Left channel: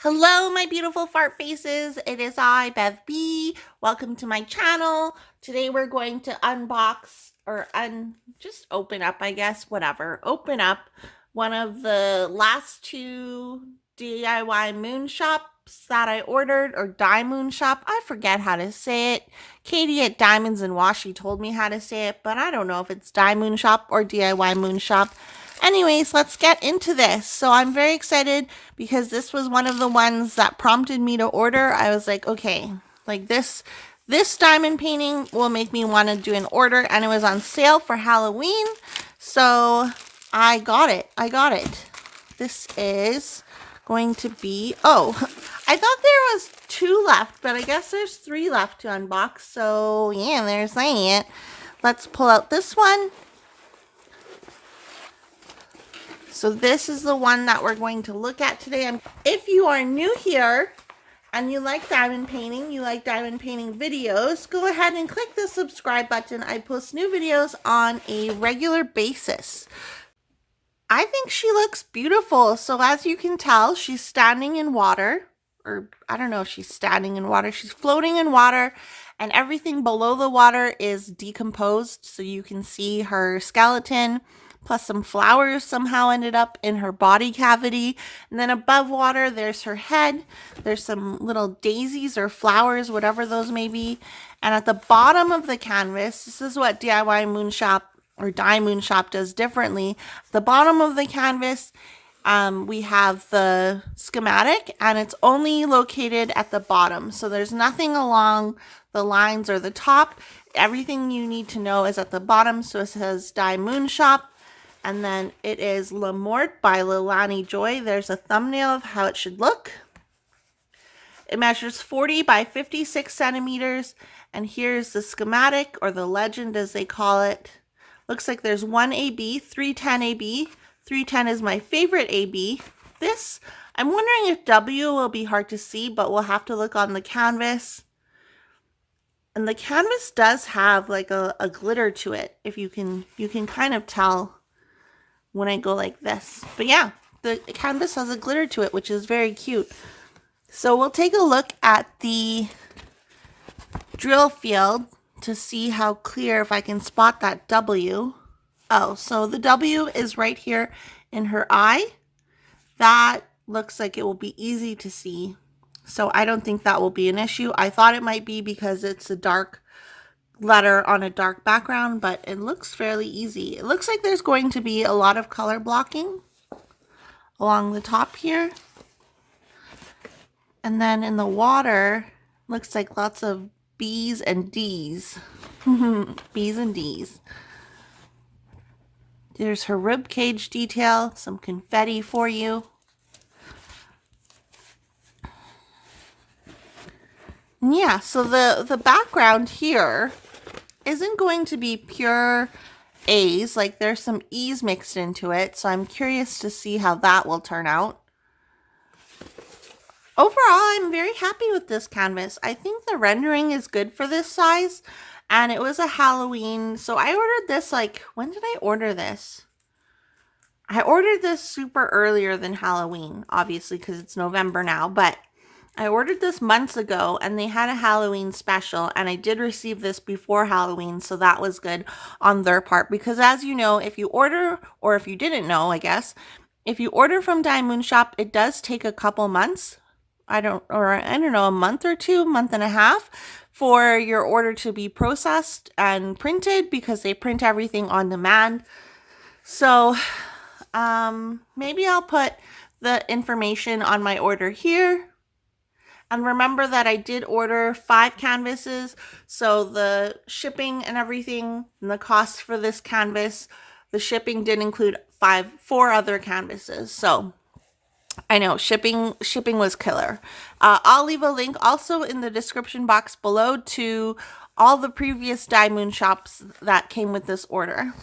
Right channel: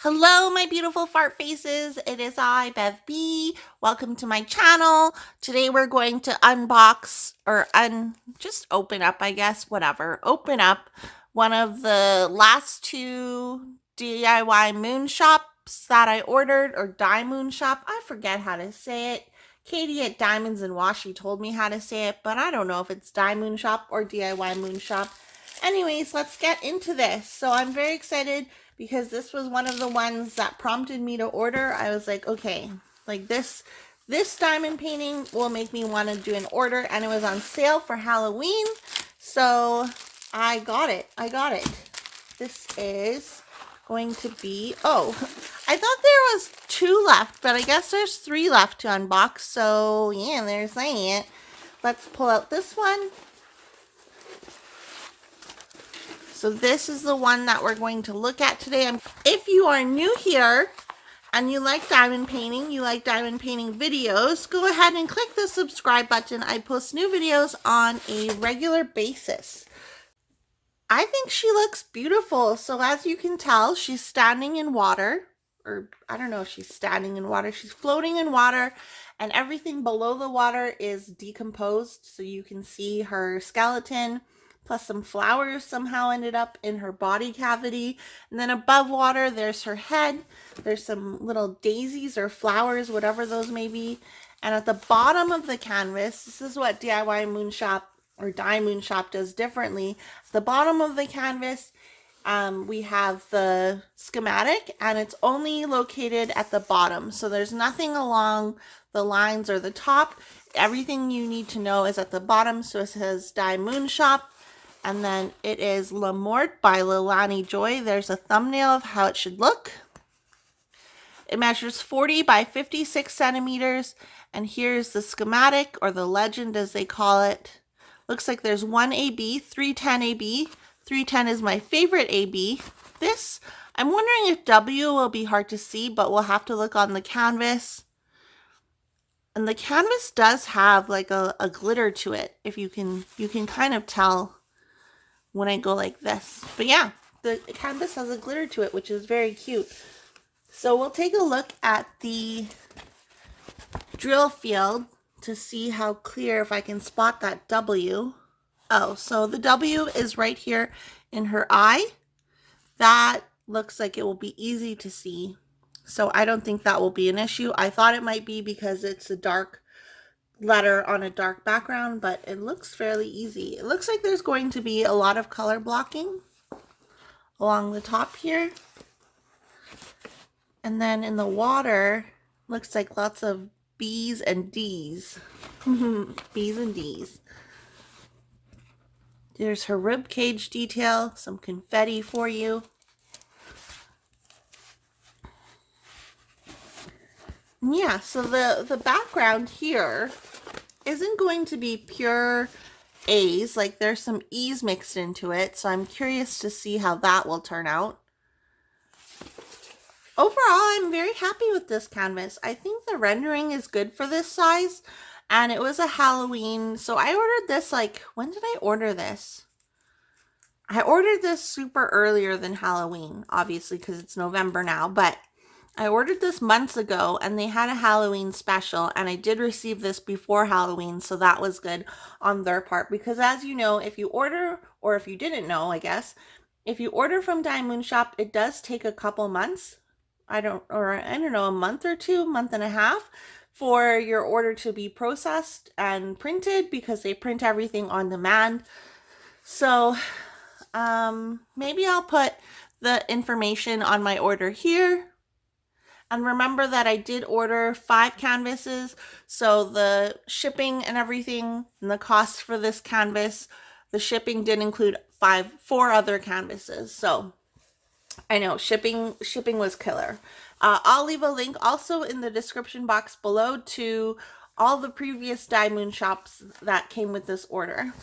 Hello, my beautiful fart faces. It is I, Bev B. Welcome to my channel. Today we're going to unbox or just open up, I guess, whatever. Open up one of the last two DIYMoon shops that I ordered, or DIYMoon Shop. I forget how to say it. Katie at Diamonds and Washi told me how to say it, but I don't know if it's DIYMoon Shop or DIYMoon Shop. Anyways, let's get into this. So I'm very excited because this was one of the ones that prompted me to order. I was like, okay, like this diamond painting will make me want to do an order, and it was on sale for Halloween. So I got it. This is going to be, oh, I thought there was 2 left, but I guess there's 3 left to unbox. So yeah, they're saying it. Let's pull out this one. So this is the one that we're going to look at today. If you are new here and you like diamond painting, you like diamond painting videos, go ahead and click the subscribe button. I post new videos on a regular basis. I think she looks beautiful. So as you can tell, she's standing in water, or I don't know if she's standing in water. She's floating in water, and everything below the water is decomposed. So you can see her skeleton, plus some flowers somehow ended up in her body cavity. And then above water, there's her head. There's some little daisies or flowers, whatever those may be. And at the bottom of the canvas, this is what DIYMoon Shop or DIYMoon Shop does differently. At the bottom of the canvas, we have the schematic, and it's only located at the bottom. So there's nothing along the lines or the top. Everything you need to know is at the bottom. So it says DIYMoon Shop. And then it is Mort by Lelani Joy. There's a thumbnail of how it should look. It measures 40 by 56 centimeters. And here's the schematic, or the legend as they call it. Looks like there's 1 AB, 310 AB. 310 is my favorite AB. This, I'm wondering if W will be hard to see, but we'll have to look on the canvas. And the canvas does have like a glitter to it. If you can kind of tell when I go like this. But yeah, the canvas has a glitter to it, which is very cute. So we'll take a look at the drill field to see how clear, if I can spot that W. Oh, so the W is right here in her eye. That looks like it will be easy to see. So I don't think that will be an issue. I thought it might be because it's a dark letter on a dark background, but it looks fairly easy. It looks like there's going to be a lot of color blocking along the top here. And then in the water, looks like lots of B's and D's. B's and D's. There's her rib cage detail, some confetti for you. Yeah, so the background here isn't going to be pure A's. Like, there's some E's mixed into it, so I'm curious to see how that will turn out. Overall, I'm very happy with this canvas. I think the rendering is good for this size, and it was a Halloween, so I ordered this, like, when did I order this? I ordered this super earlier than Halloween, obviously, because it's November now, but I ordered this months ago, and they had a Halloween special, and I did receive this before Halloween, so that was good on their part. Because as you know, if you order, or if you didn't know, I guess, if you order from DIYMoon Shop, it does take a couple months. I don't know, a month or 2, month and a half for your order to be processed and printed, because they print everything on demand. So maybe I'll put the information on my order here. And remember that I did order 5 canvases, so the shipping and everything, and the cost for this canvas, the shipping did include 4 other canvases. So I know shipping was killer. I'll leave a link also in the description box below to all the previous DIYMoon shops that came with this order.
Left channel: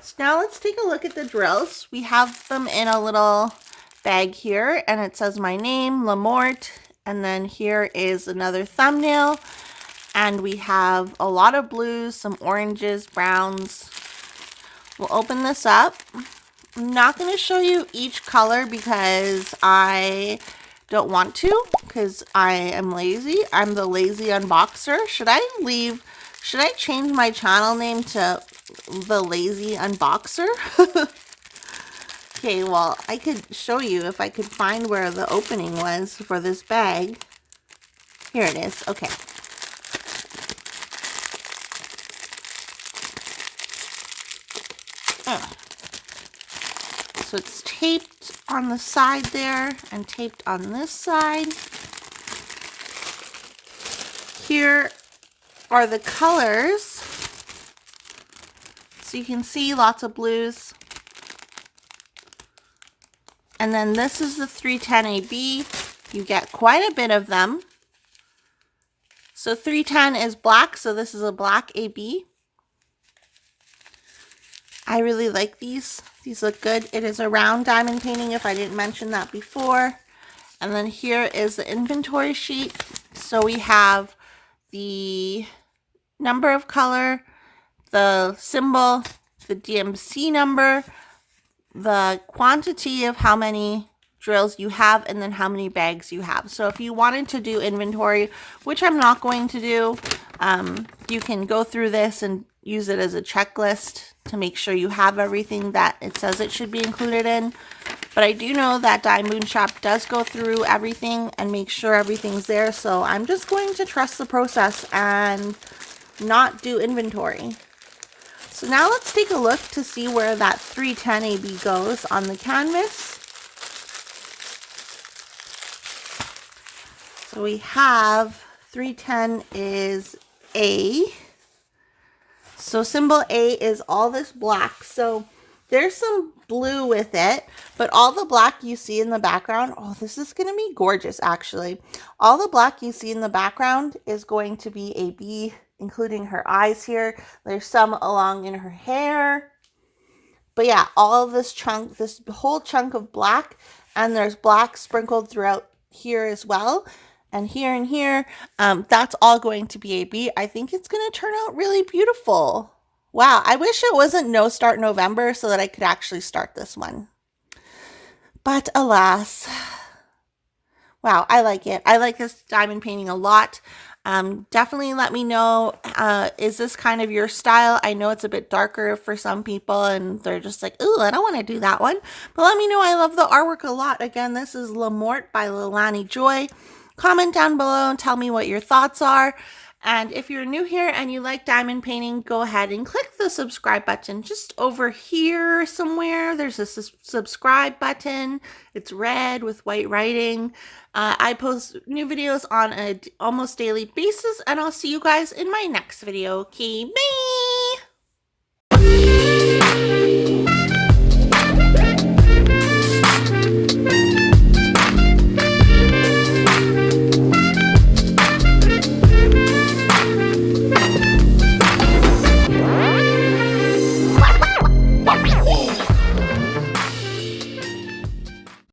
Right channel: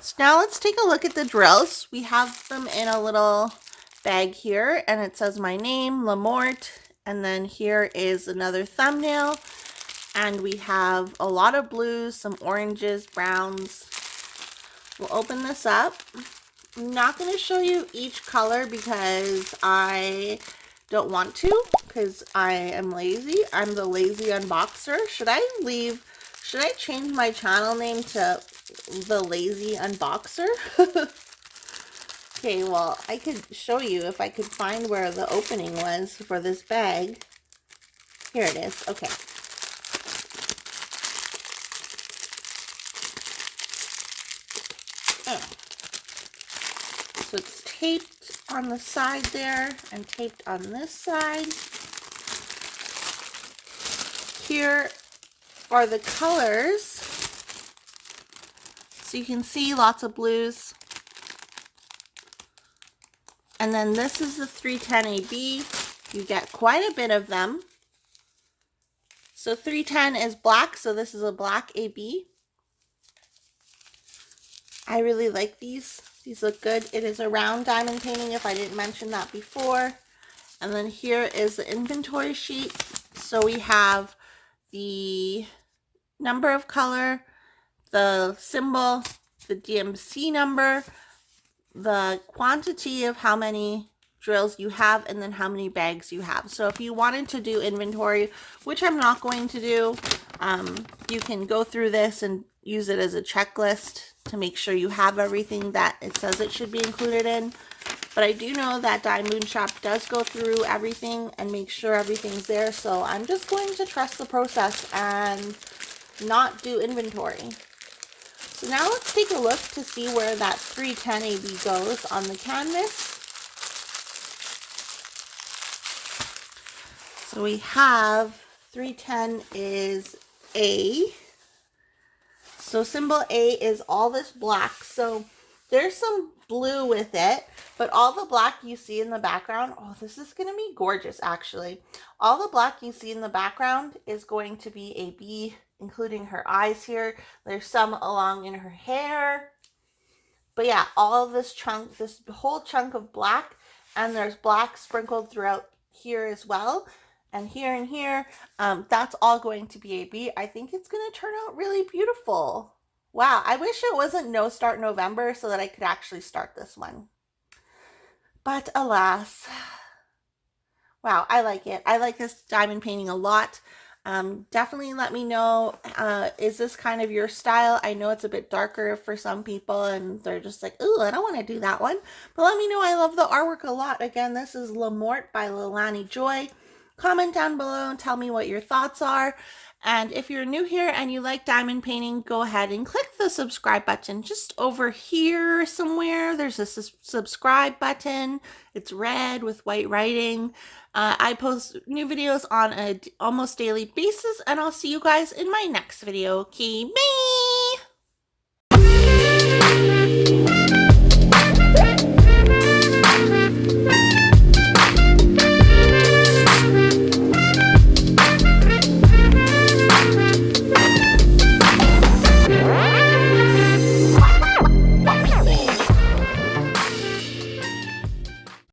So now let's take a look at the drills. We have them in a little bag here, and it says my name, Mort. And then here is another thumbnail, and we have a lot of blues, some oranges, browns. We'll open this up. I'm not going to show you each color because I don't want to because I am lazy. I'm the lazy unboxer. Should I change my channel name to the lazy unboxer? Okay, well, I could show you if I could find where the opening was for this bag. Here it is. Okay. So it's taped on the side there and taped on this side. Here are the colors. So you can see lots of blues. And then this is the 310 AB. You get quite a bit of them. So 310 is black, so this is a black AB. I really like these. These look good. It is a round diamond painting, if I didn't mention that before. And then here is the inventory sheet. So we have the number of color, the symbol, the DMC number, the quantity of how many drills you have, and then how many bags you have. So if you wanted to do inventory, which I'm not going to do, you can go through this and use it as a checklist to make sure you have everything that it says it should be included in. But I do know that DIYMoon Shop does go through everything and make sure everything's there. So I'm just going to trust the process and not do inventory. So now let's take a look to see where that 310 AB goes on the canvas. So we have 310 is A. So symbol A is all this black. So there's some blue with it, but all the black you see in the background, oh, this is going to be gorgeous actually. All the black you see in the background is going to be a B, including her eyes here. There's some along in her hair. But yeah, all of this chunk, this whole chunk of black, and there's black sprinkled throughout here as well. And here, that's all going to be a B. I think it's going to turn out really beautiful. Wow, I wish it wasn't No Start November so that I could actually start this one. But alas. Wow, I like it. I like this diamond painting a lot. Definitely let me know, is this kind of your style? I know it's a bit darker for some people and they're just like, ooh, I don't want to do that one. But let me know. I love the artwork a lot. Again, this is Mort by Lelani Joy. Comment down below and tell me what your thoughts are. And if you're new here and you like diamond painting, go ahead and click the subscribe button just over here somewhere. There's a subscribe button. It's red with white writing. I post new videos on an almost daily basis, and I'll see you guys in my next video. Okay, bye!